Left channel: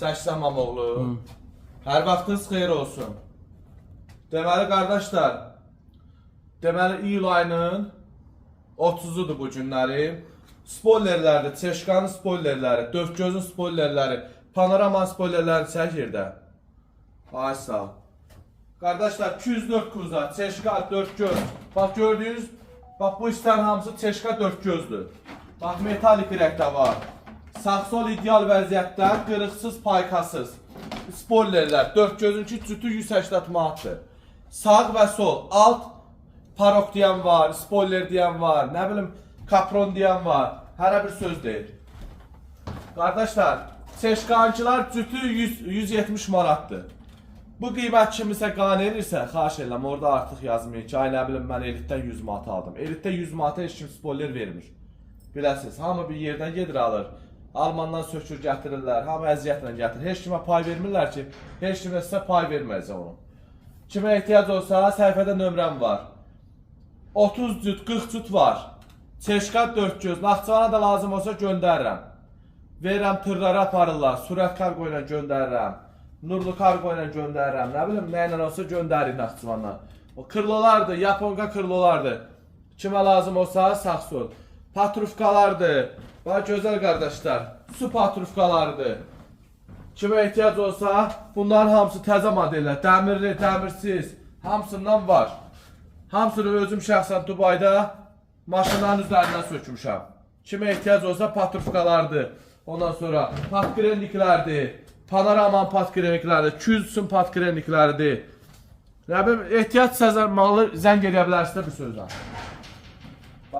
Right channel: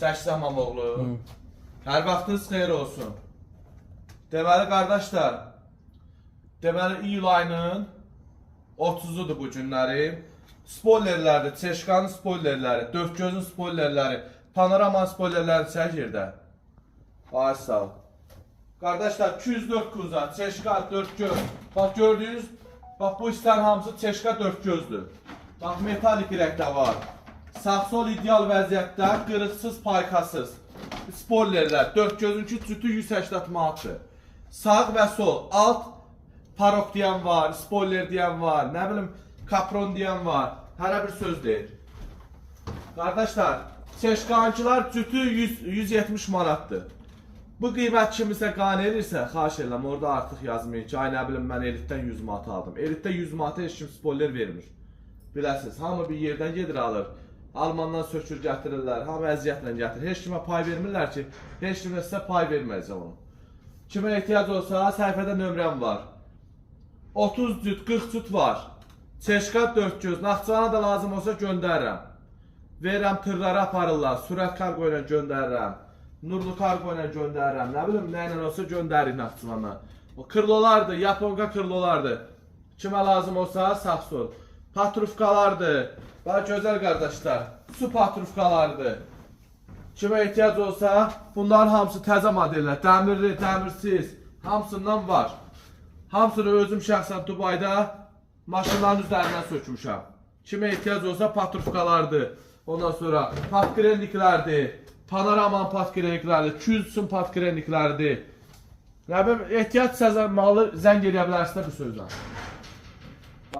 Çəksən Mamoğlu. Hər vaxtınız xeyir olsun. Deməli qardaşlar, iyul ayının 30'udur bu günləri. Spoilerlərdir, Çeşkanın spoilerləri, Dörtgözün spoilerləri, Panoramanın spoilerləri çəkirdə. Ay sağ ol. Qardaşlar 204 kuza, Çeşka, Dörtgöz. Bax gördüyünüz, bax bu istər hamısı Çeşka Dörtgözdür. Bax metalik rəqdə var. Sağ-sol ideal vəziyyətdə, qırıqsız, paykasız. Spoilerlər, Dörtgözünki cütü 180 manatdır. Sağ və sol, alt parok deyən var, spoiler deyən var, nə bilim kapron deyən var. Hərə bir söz deyir. Qardaşlar, Çeşkankılar cütü 170 manatdır. Bu qiymət kimisə qane edirsə, xahiş edirəm, orada artıq yazmayın ki, ay nə bilim mən elitdən 100 manat aldım. Elitdə 100 manata heç kim spoiler vermir. Biləsiniz, hamı bir yerdən gedir alır. Almandan sökür gətirirlər, hamı əziyyətlə gətirir. Heç kimə pay vermirlər ki, heç kimə sizə pay verməyəcək onu. Kimə ehtiyac olsa, səhifədə nömrəm var. 30 cüt, 40 cüt var. Çeşka Dörtgöz, Naxçıvana da lazım olsa göndərirəm. Verirəm tırlara aparırlar, sürət kargo ilə göndərirəm. Nurlu kargo ilə göndərirəm, nə bilim nə ilə olsa göndərir Naxçıvandan. O kırlolardır, Yaponka kırlolardır. Kimə lazım olsa sağ sol. Patrufkalardır. Bax gözəl qardaşlar, su patrufkalardır. Kimə ehtiyac olsa bunların hamısı təzə modellər, dəmirli, dəmirsiz, hamısından var. Hamısını özüm şəxsən Dubayda maşınların üzərindən sökmüşəm. Kimə ehtiyac olsa patrufkalardır. Ondan sonra patkrenliklərdir. Panoraman patkrenliklərdir, 200 sun patkrenliklərdir. Nə bilim, ehtiyac malı zəng edə bilərsiniz bir sözlə.